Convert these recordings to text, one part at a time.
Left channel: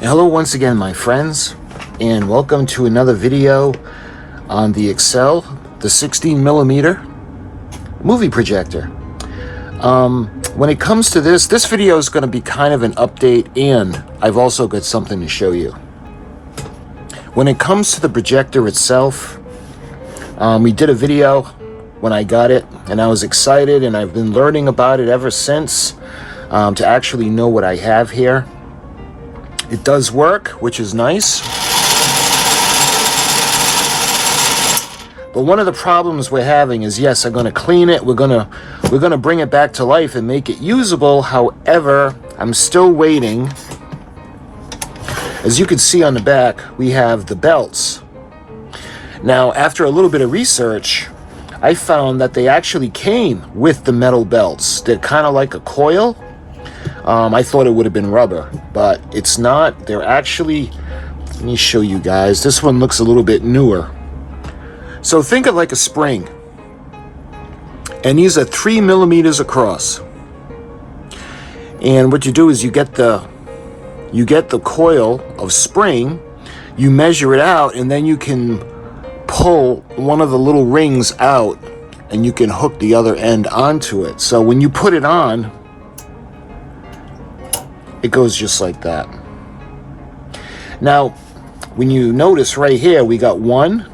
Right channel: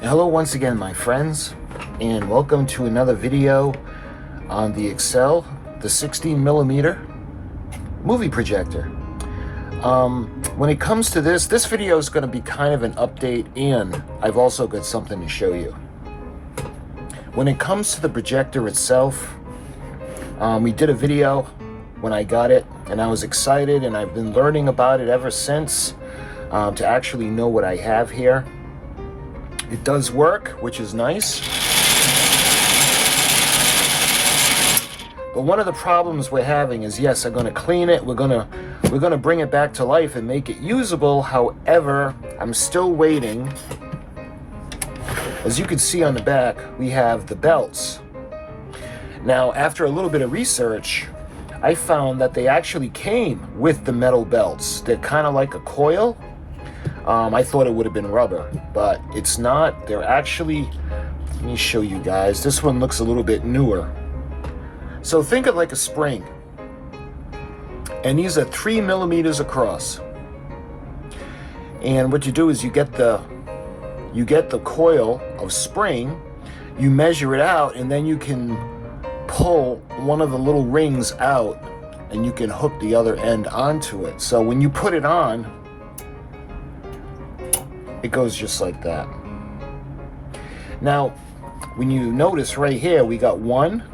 Hello once again, my friends, and welcome to another video on the Excel, the 16mm movie projector. When it comes to this video is going to be kind of an update, and I've also got something to show you. When it comes to the projector itself, we did a video when I got it, and I was excited, and I've been learning about it ever since to actually know what I have here. It does work, which is nice. But one of the problems we're having is, yes, I'm going to clean it. We're going to bring it back to life and make it usable. However, I'm still waiting. As you can see on the back, we have the belts. Now, after a little bit of research, I found that they actually came with the metal belts. They're kind of like a coil. I thought it would have been rubber, but it's not. They're actually, let me show you guys. This one looks a little bit newer. So think of like a spring. And these are 3 millimeters across. And what you do is you get the coil of spring, you measure it out, and then you can pull one of the little rings out and you can hook the other end onto it. So when you put it on, it goes just like that. Now, when you notice right here, we got 1,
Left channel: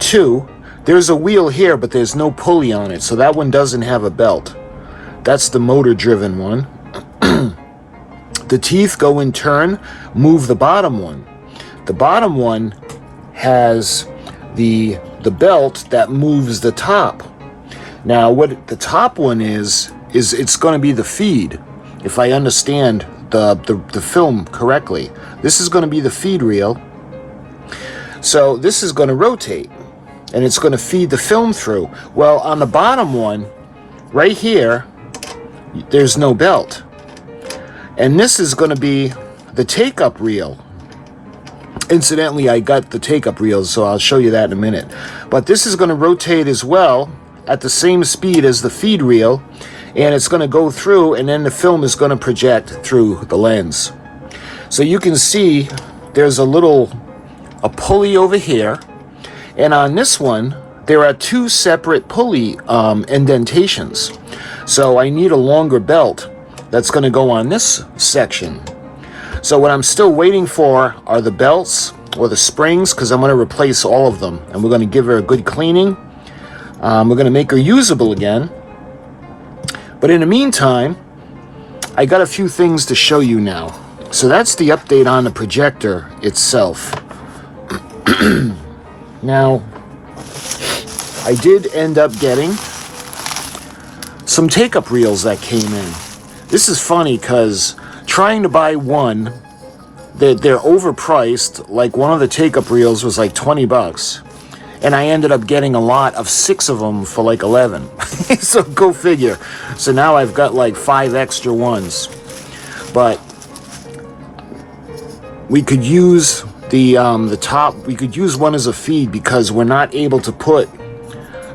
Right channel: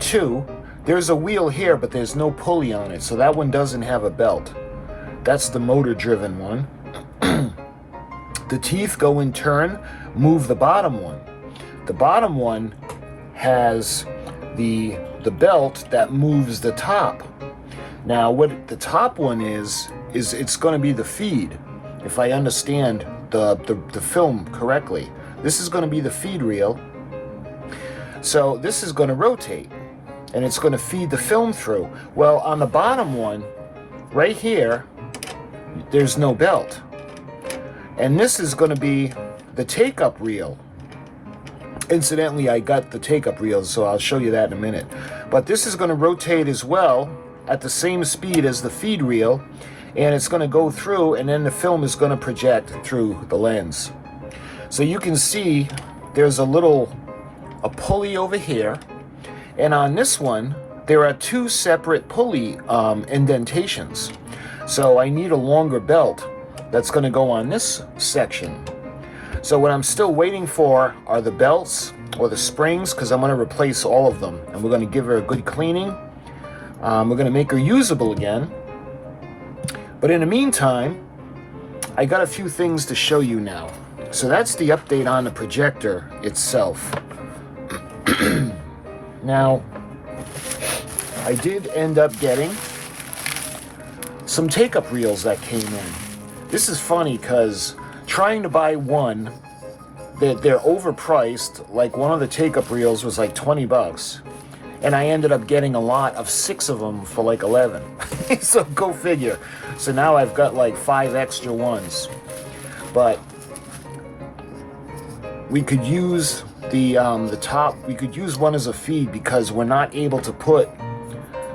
2. There's a wheel here, but there's no pulley on it, so that one doesn't have a belt. That's the motor-driven one. The teeth go in turn, move the bottom one. The bottom one has the belt that moves the top. Now, what the top one is it's going to be the feed. If I understand the film correctly, this is going to be the feed reel. So this is going to rotate, and it's going to feed the film through. Well, on the bottom one, right here, there's no belt. And this is going to be the take-up reel. Incidentally, I got the take-up reels, so I'll show you that in a minute. But this is going to rotate as well at the same speed as the feed reel, and it's going to go through, and then the film is going to project through the lens. So you can see there's a pulley over here, and on this one there are 2 separate pulley indentations. So I need a longer belt that's going to go on this section. So what I'm still waiting for are the belts or the springs, because I'm going to replace all of them, and we're going to give her a good cleaning. We're going to make her usable again. But in the meantime, I got a few things to show you now. So that's the update on the projector itself. Now, I did end up getting some take-up reels that came in. This is funny because trying to buy one, they're overpriced. Like one of the take-up reels was like 20 bucks. And I ended up getting a lot of 6 of them for like 11. So go figure. So now I've got like 5 extra ones. But we could use the top. We could use one as a feed because we're not able to put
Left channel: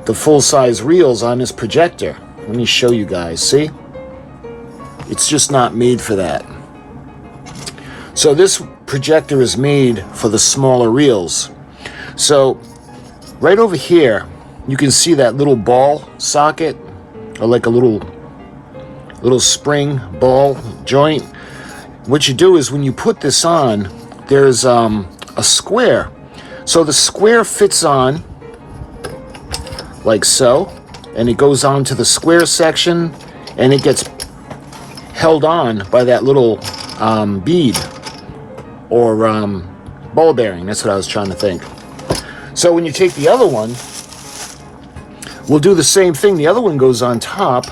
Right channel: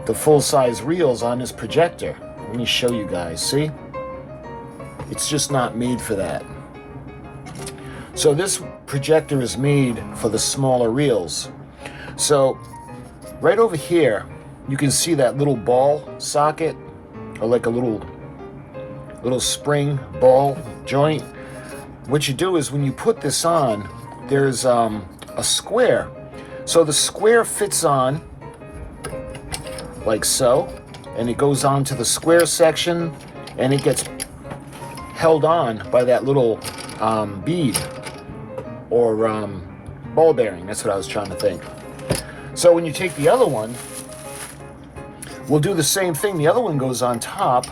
the full-size reels on this projector. Let me show you guys. See? It's just not made for that. So this projector is made for the smaller reels. So right over here, you can see that little ball socket, or like a little spring ball joint. What you do is when you put this on, there's a square. So the square fits on like so, and it goes on to the square section, and it gets held on by that little bead or ball bearing. That's what I was trying to think. So when you take the other one, We'll do the same thing. The other one goes on top,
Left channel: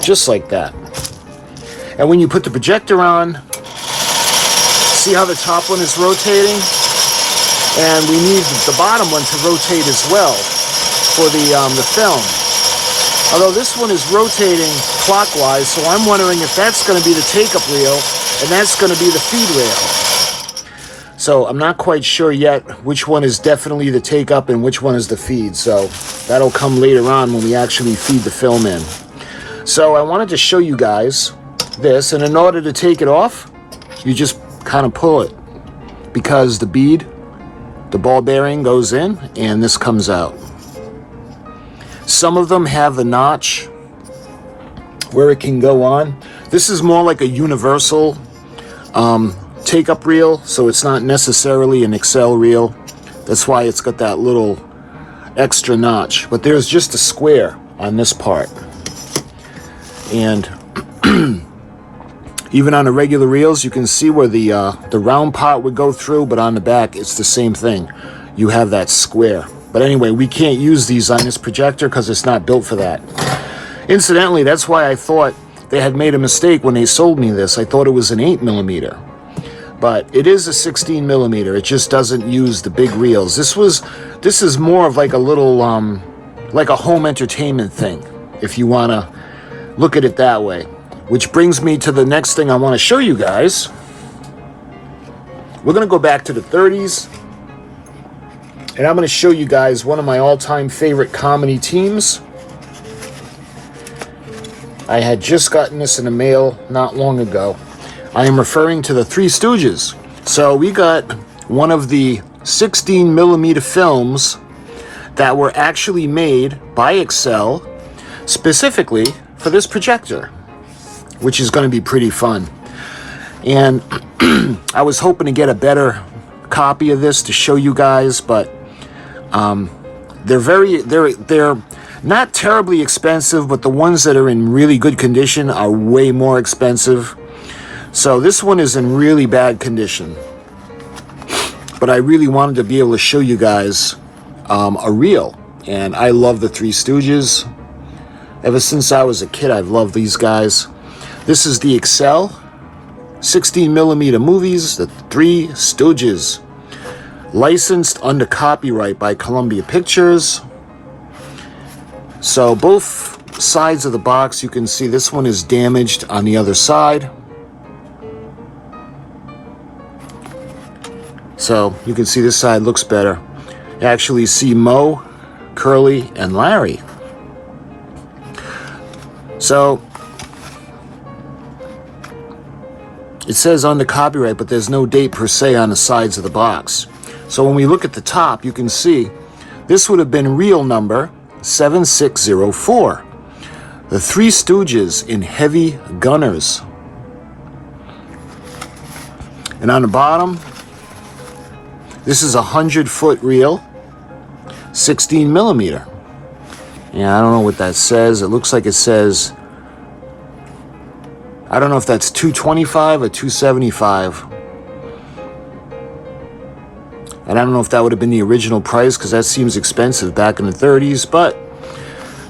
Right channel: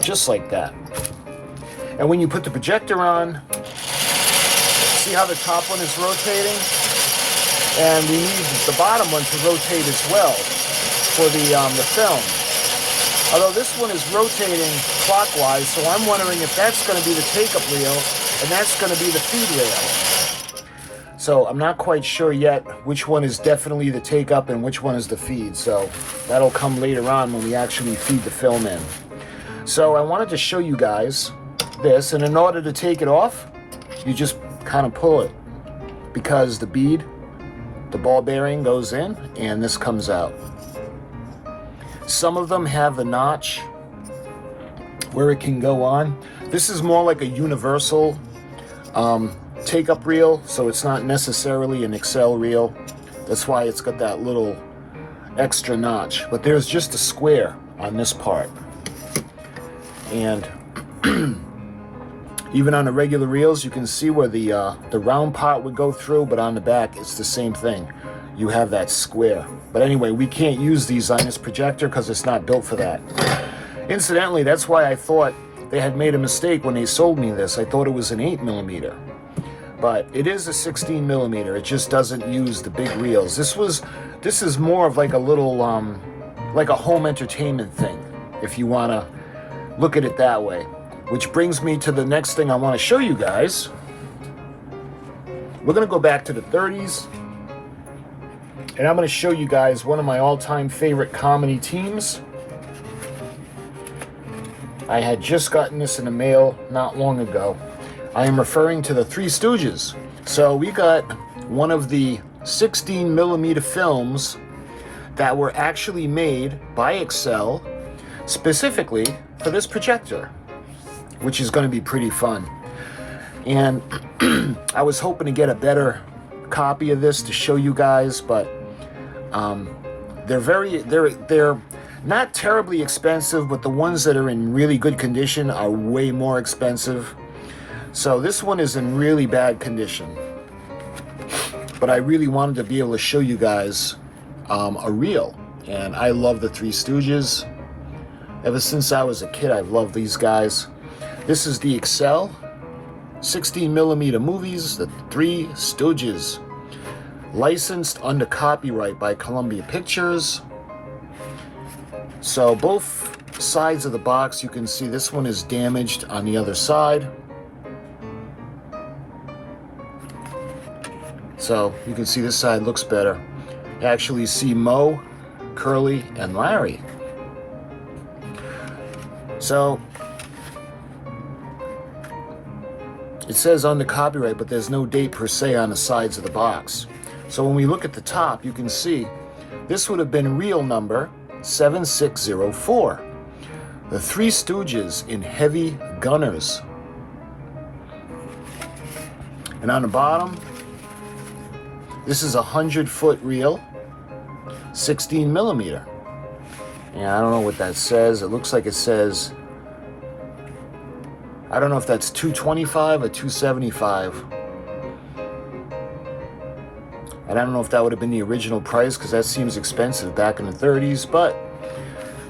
just like that. And when you put the projector on, see how the top one is rotating? And we need the bottom one to rotate as well for the film. Although this one is rotating clockwise, so I'm wondering if that's going to be the take-up reel and that's going to be the feed rail. So I'm not quite sure yet which one is definitely the take-up and which one is the feed. So that'll come later on when we actually feed the film in. So I wanted to show you guys this, and in order to take it off, you just kind of pull it, because the bead, the ball bearing goes in and this comes out. Some of them have the notch where it can go on. This is more like a universal take-up reel, so it's not necessarily an Excel reel. That's why it's got that little extra notch. But there's just a square on this part. And even on the regular reels, you can see where the round part would go through, but on the back, it's the same thing. You have that square. But anyway, we can't use these on this projector because it's not built for that. Incidentally, that's why I thought they had made a mistake when they sold me this. I thought it was an 8mm. But it is a 16mm. It just doesn't use the big reels. This is more of like a little, like a home entertainment thing, if you want to look at it that way. Which brings me to the next thing I want to show you guys. We're going to go back to the 30s. And I'm going to show you guys one of my all-time favorite comedy teams. I had just gotten this in the mail not long ago. I am referring to the Three Stooges. So we got one of the 16mm films that were actually made by Excel specifically for this projector, which is going to be pretty fun. And I was hoping to get a better copy of this to show you guys, but they're not terribly expensive, but the ones that are in really good condition are way more expensive. So this one is in really bad condition, but I really wanted to be able to show you guys a reel. And I love the Three Stooges. Ever since I was a kid, I've loved these guys. This is the Excel 16mm movies, the Three Stooges. Licensed under copyright by Columbia Pictures. So both sides of the box, you can see this one is damaged on the other side. So you can see this side looks better. You actually see Mo, Curly, and Larry. So it says under copyright, but there's no date per se on the sides of the box. So when we look at the top, you can see this would have been reel number 7604. The Three Stooges in Heavy Gunners. And on the bottom, this is a 100-foot reel, 16mm. Yeah, I don't know what that says. It looks like it says, I don't know if that's 225 or 275. And I don't know if that would have been the original price, because that seems expensive back in the 30s, but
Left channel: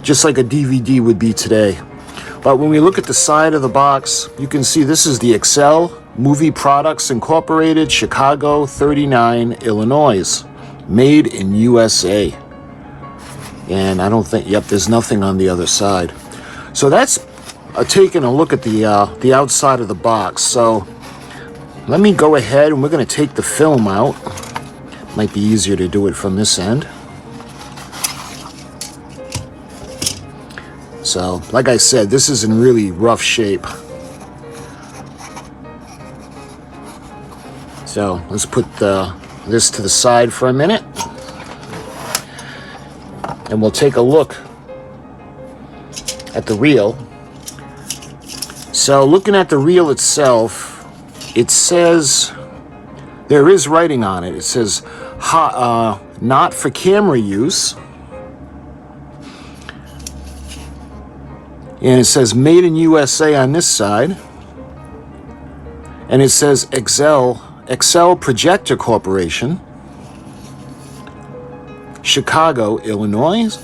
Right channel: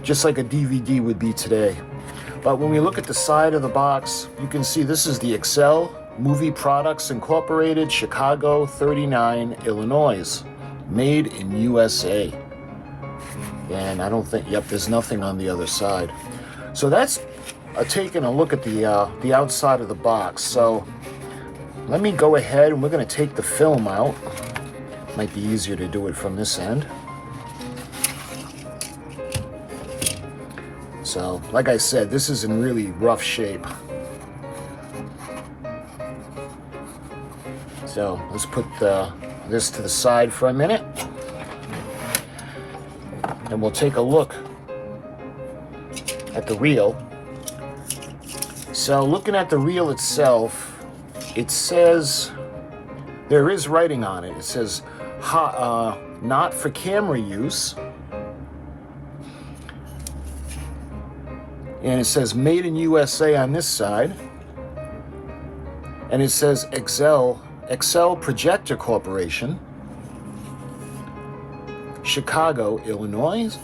just like a DVD would be today. But when we look at the side of the box, you can see this is the Excel Movie Products Incorporated, Chicago 39, Illinois. Made in USA. And I don't think, yep, there's nothing on the other side. So that's taking a look at the outside of the box. So let me go ahead and we're going to take the film out. Might be easier to do it from this end. So, like I said, this is in really rough shape. So, let's put this to the side for a minute. And we'll take a look at the reel. So, looking at the reel itself, it says, there is writing on it. It says, not for camera use. And it says made in USA on this side. And it says Excel Projector Corporation. Chicago, Illinois,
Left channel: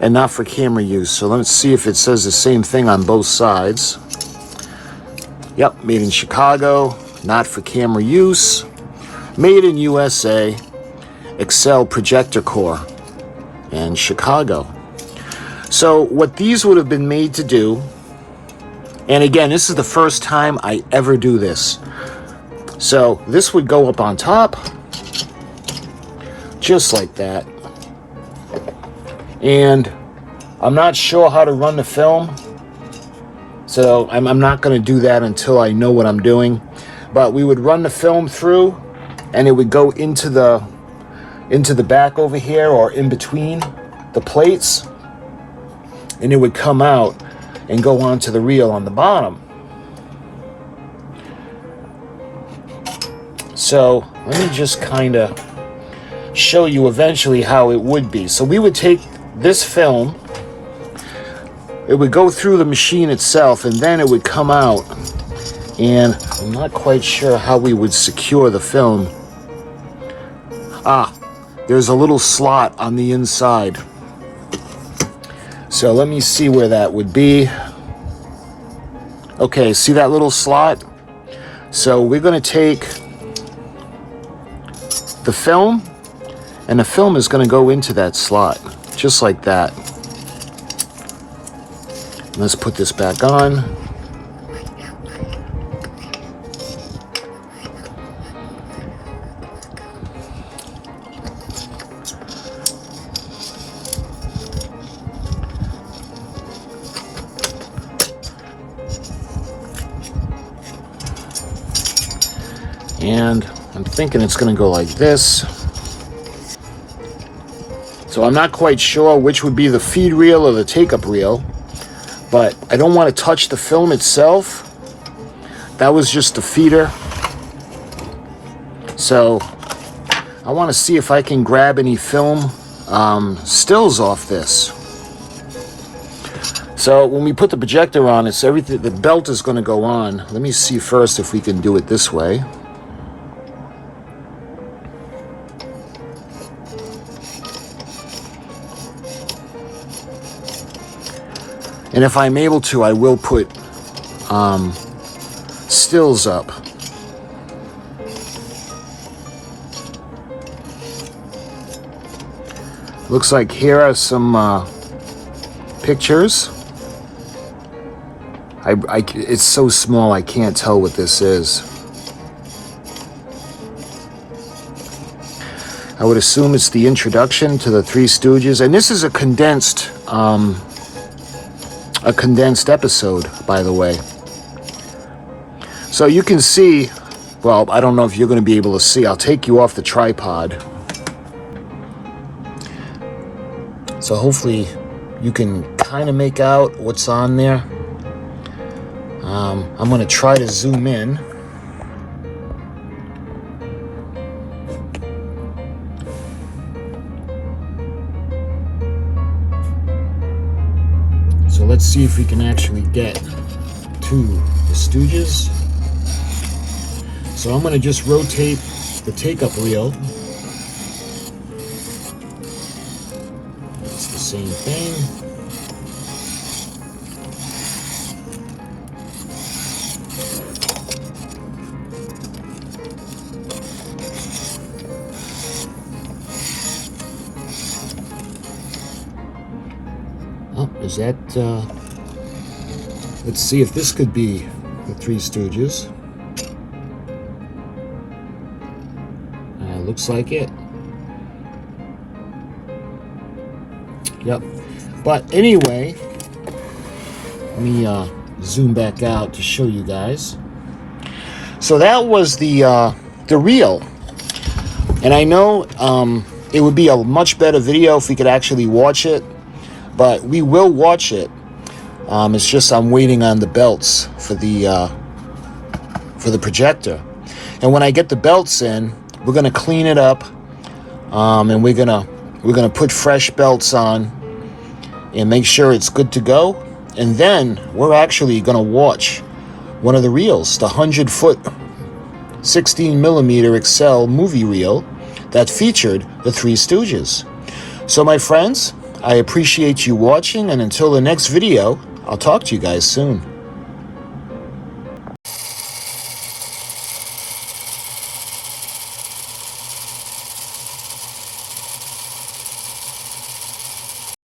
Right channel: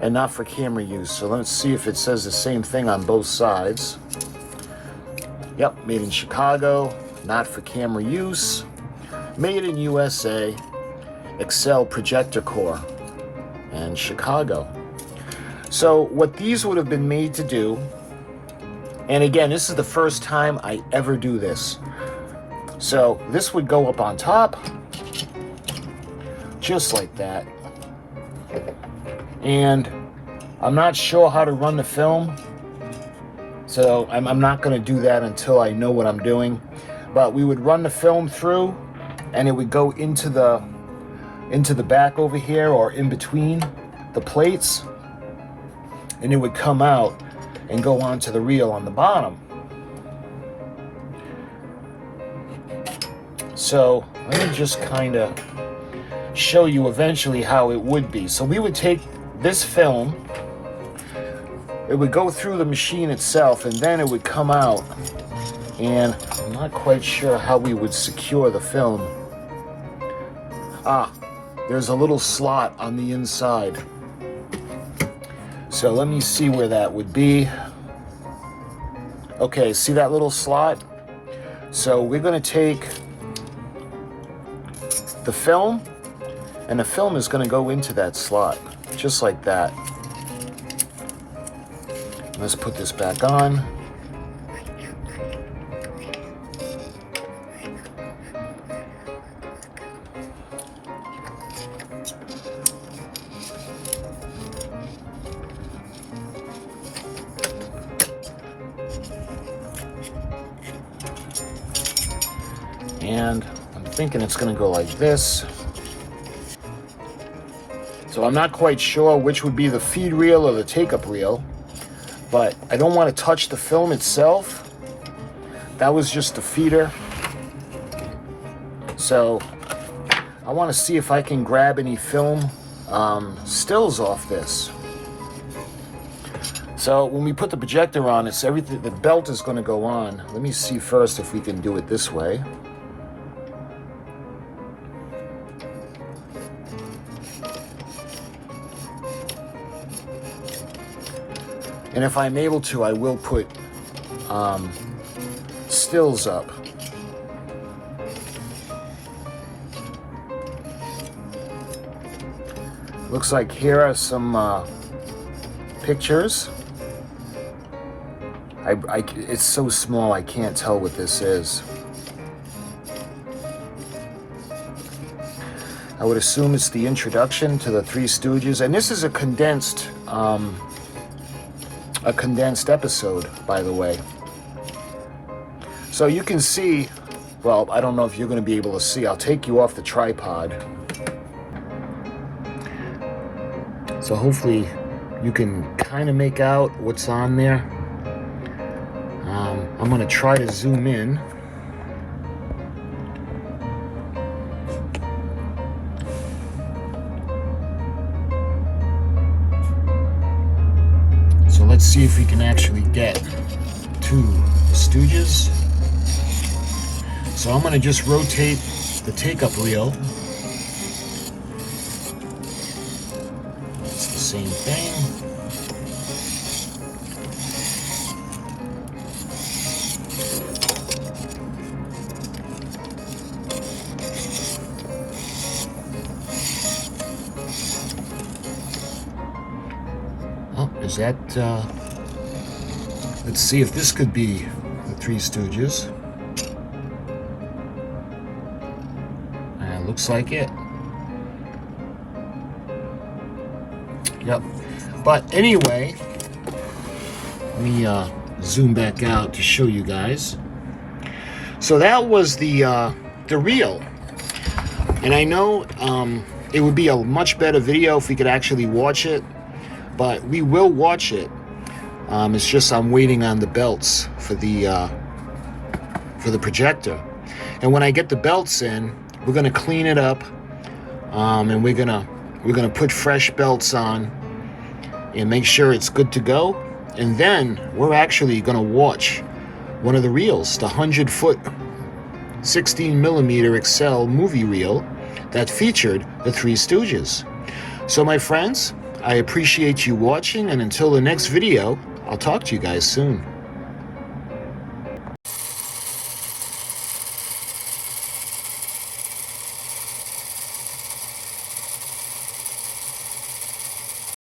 and not for camera use. So let's see if it says the same thing on both sides. Yep, made in Chicago, not for camera use, made in USA, Excel Projector Core in Chicago. So what these would have been made to do, and again, this is the first time I ever do this. So this would go up on top, just like that. And I'm not sure how to run the film, so I'm not going to do that until I know what I'm doing. But we would run the film through, and it would go into the back over here, or in between the plates, and it would come out and go onto the reel on the bottom. So let me just kind of show you eventually how it would be. So we would take this film, it would go through the machine itself, and then it would come out, and I'm not quite sure how we would secure the film. There's a little slot on the inside. So let me see where that would be. Okay, see that little slot? So we're going to take the film, and the film is going to go into that slot, just like that. Let's put this back on. And I'm thinking it's going to go like this. So I'm not quite sure which would be the feed reel or the take-up reel, but I don't want to touch the film itself. That was just the feeder. So I want to see if I can grab any film stills off this. So when we put the projector on, it's everything, the belt is going to go on. Let me see first if we can do it this way. And if I'm able to, I will put stills up. Looks like here are some pictures. It's so small I can't tell what this is. I would assume it's the introduction to the Three Stooges, and this is a condensed episode, by the way. So you can see, well, I don't know if you're going to be able to see. I'll take you off the tripod. So hopefully you can kind of make out what's on there. I'm going to try to zoom in. So let's see if we can actually get to the Stooges. So I'm going to just rotate the take-up reel. It's the same thing. Is that, let's see if this could be the Three Stooges. Looks like it. Yep. But anyway, let me zoom back out to show you guys. So that was the reel. And I know it would be a much better video if we could actually watch it. But we will watch it. It's just I'm waiting on the belts for the projector. And when I get the belts in, we're gonna clean it up, and we're gonna put fresh belts on and make sure it's good to go. And then we're actually gonna watch one of the reels, the 100-foot 16mm Excel movie reel that featured the Three Stooges. So my friends, I appreciate you watching, and until the next video, I'll talk to you guys soon.